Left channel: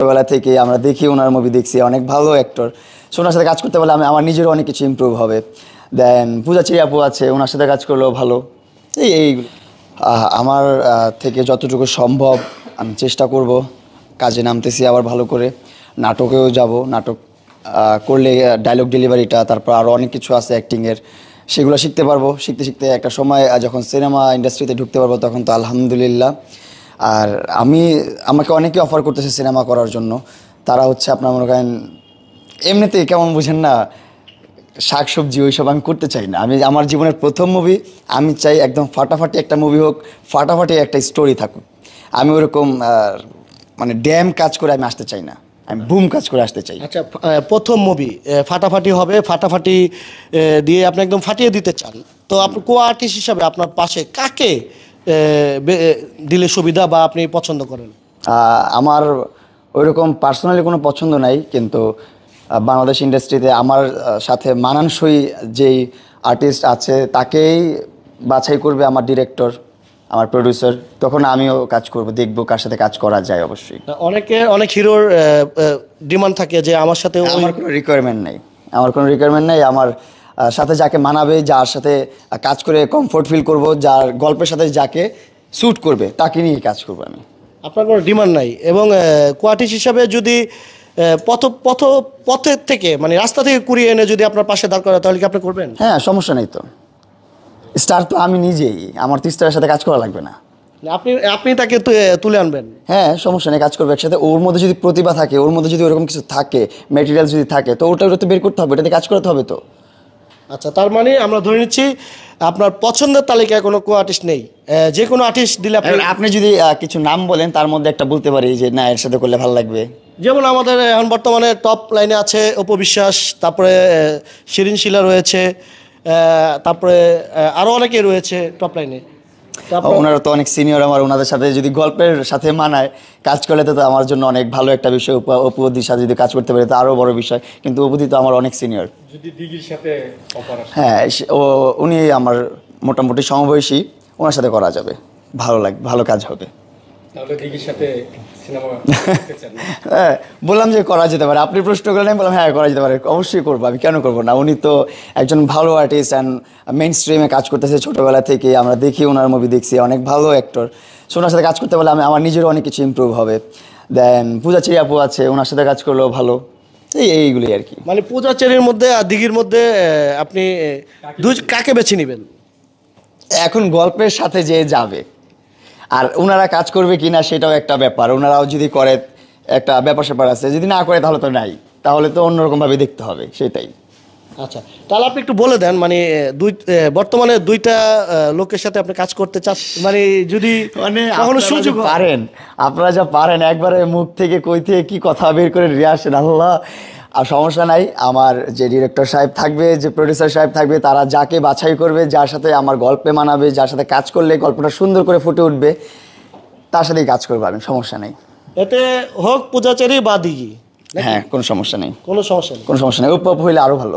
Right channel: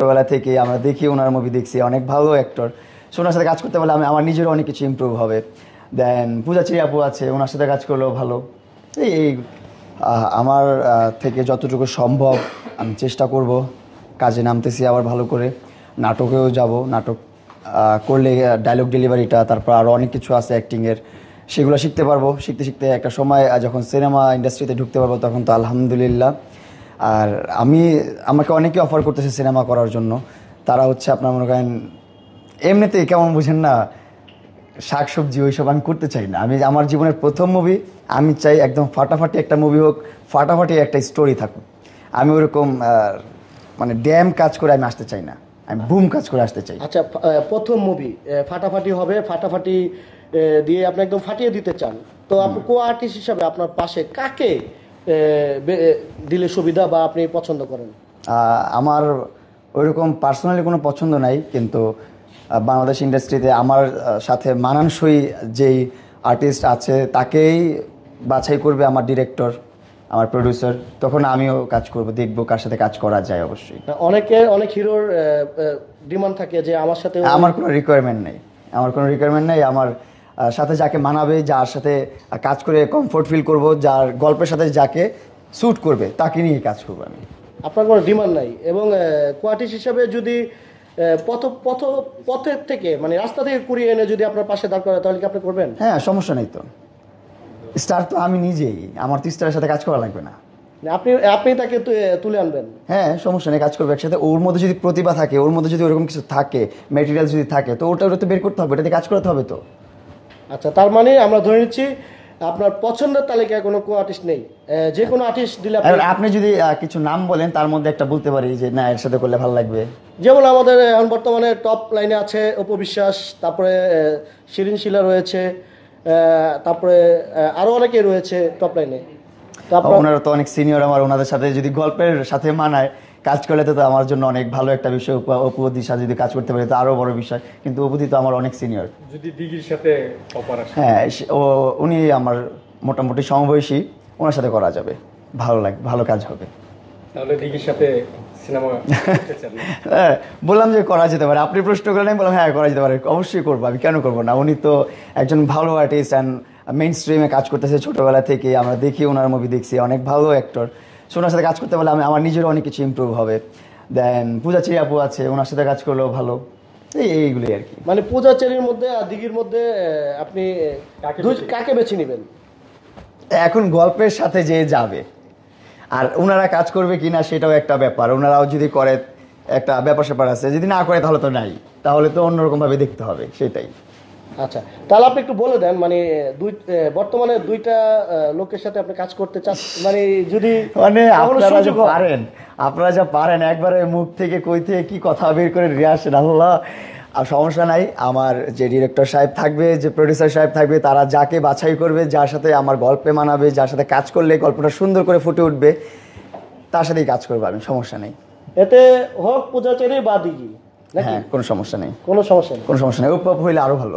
ছোটবেলা থেকে আমরা দেখি ওনার মুভি দেখছি, অনেক ভালো অ্যাক্টর। সো ওনার সাথে কাজ করতে পারলে আমার নিজেরও অনেক কিছু ইমপ্রুভ হবে। দেন পূজাচেরি আপু আছে, ওনার সাথে কাজ করলেও ভালো। এই আমার থেকে যতটুকু সম্ভব আমি চেষ্টা করব, কাজে নামতেছি আবার ভালো করে। নাটকেও যাব, নাটক করলে ডায়লগ ডেলিভারিটা, তারপর আরও অনেক কিছু আছে অ্যাক্টিংয়ের, সেগুলো শিখতে পারবো। শিখতে শিখতে একটা সময় যখন সিনেমা ইন্ডাস্ট্রিতে ঢুকতে পারবো তখন তো আলহামদুলিল্লাহ। আর আমাকে অনেকে অফার করতেছে সিনেমা করার জন্য। তারা হচ্ছে আপনার মনে করেন এমনিতেই কেমন বুঝেন না, শাকসবজি ওইসব আমি করতে চাই না। আমি আমার জীবনের প্রথম মুভি, আমি চাই একদম ফাটাফাটি একটা মুভি হোক, ফাটাফাটি একটা স্টোরি থাকুক। আমি ওরকম মানে ড্যাম কাজ করে আমি আসতে চাই না, আমি বুম কাজ করে আসতে চাই। আচ্ছা, প্রথম মুভি ফাটাফাটি হবে, ফাটাফাটি দিয়ে আপনি একদম ফাটিয়ে দিতে চান। তো আপনি কো আর্টিস্ট হিসাবে আপনার পাশে কাকে দিলে সুবিধা বা আপনি পছন্দ করেন? আমার ওইরকম পার্সোনালি কোনো পছন্দ নাই, কিন্তু বাংলাদেশ ইন্ডাস্ট্রিতে আমার সাথে মানানসই যেই আর্টিস্ট আছে তাকেই বাছাই করবে আমার ডিরেক্টর, আমার প্রডিউসার। তখন আমিও কাজ করব, দেখবো কার সাথে কাজ করা যায়। অবশ্যই অনেক হিরোর ডিমান্ড থাকে যে আমার সাথে। আমার কোনো রিকোয়ারমেন্ট নেই, আমার কোনো রিকোয়ারমেন্ট নেই। আমার সাথে যাকে মানাবে, যার সাথে কাজ করে কমফোর্ট ফিল করব, যার গল্পের সাথে যাকে স্যুট করবে তাকে নিয়ে কাজ করবো আমি। আপনার কোনো ডিমান্ড নাই। এবং কোয়ার্টিস্ট হিসাবে যদি পথের থেকে মানে রাস্তা থেকে কুড়িয়ে এনে যদি আপনার পাশে দাঁড় করা, তাহলে কি আপনি করবেন? হ্যাঁ, সমস্যা নেই তো। স্টার তো আমি নিজেই, আমার তো স্টারের সাথে কাজ করা লাগবে না। আপনি তাকে তুলে আনবেন? হ্যাঁ, সমস্যা নেই, কাজ করবো একসাথে। ওর মধ্যে যদি প্রতিভা থাকে, ওর মধ্যে যদি ওরকম কিছু থাকে, মেটেরিয়াল যদি থাকে, তো ওটা তো বের করতে হবে, এটাতে কাজ করতে হবে তো। আচ্ছা, তার মানে আমরা ধরে নিচ্ছি আপনার পছন্দের তালিকায় কোনো কো আর্টিস্ট নেই, যে কোনো আর্টিস্ট দিলে আপনি যদি কিছু নাম বলেন, তার মধ্যে একটা বলতে পারি যে না, এর সাথে করলে ভালো লাগবে। যেমন আমাদের এখন বর্তমানে টপ লাইনে আছে অপু বিশ্বাস, তারপরে শিরিন শিলা রয়েছে, তারপরে আরও অনেকে রয়েছে টপ লাইনে। ওনারা তো অনেক সিনিয়র আমার, ওনাদের সাথে যদি গল্পের সাথে মানায় কাজ করলে তো আমার জন্য অনেক ভালো একটা বিষয়। অপুদির সাথে যদি কাজ করতে পারি তো আরও বড় বিষয়, কিন্তু অপুদি তো আমার অনেক সিনিয়র। যদি দিঘির সাথে অপার আসে, হ্যাঁ, উনি আমার মোটামুটি সমবয়সী, ওনার সাথে করা যাবে, ভালো লাগবে, ভালো কাজ হবে। তাহলে দিঘির সাথে সিনেমা হ্যাঁ, বললাম যে করা যেতে পারে। আপনি প্রশ্ন করলেন, বললাম হ্যাঁ করা যেতে পারে, অবশ্যই করবো, আমি কেন করবো না। উনি তো একজন ভালো আর্টিস্ট অ্যান্ড মেইন স্ট্রিমে কাজ করতেছে ছোটোবেলা থেকে, আমরা দেখি ওনার মুভি দেখছি, অনেক ভালো অ্যাক্টর। সো ওনার সাথে কাজ করতে পারলে আমার নিজেরও অনেক কিছু ইমপ্রুভ হবে। দেন পূজাচেরি আপু আছে, ওনার সাথে কাজ করলেও ভালো। এইগুলোই আর কি। মানে পূজাচেরির মধ্যে আর দিঘির মধ্যে আপনি কাকে বেছে নেবেন? এখন গল্পের সাথে যে যাবে, আর ওনারা কাজ করবে কিনা সেটাও একটা ব্যাপার। ওনারাও যদি করে একটা ব্যাপার স্যাপার আছে, যদি না করে তাহলে তো নাই, তাহলে তো অন্যরকমভাবে দেখতে হবে, সেটাই। আচ্ছা, তাহলে আপনি একটু বলে দেন, মানে বর্তমানে দুইটা লোকের সাথে আপনি কাজ করতে চান, মানে যদি মানে আপনারা যা পারেন একবারে মুখ থেকে কই থেকে কি কথা বের করে নিয়ে আসেন, আল্লাহ। আর সমস্যা নাই, আমার যে ডিরেক্টর সাহেব থাকবে, যে প্রডিউসার সাহেব থাকবে, তারা যাকে বাছাই করবে, যার সাথে আমার গল্পে মানাবে, যার সাথে কাজ করলে গল্পটা সুন্দর করে ফুটে উঠবে, তার সাথেই কাজ করবো আমি, সমস্যা নেই। এতে হোক পূজাচেরি বা দিঘি, হ্যাঁ, কোনো সমস্যা নেই, কোনো সমস্যা নেই। কোনো সমস্যা নেই। ওপ হইলে আরও ভালো।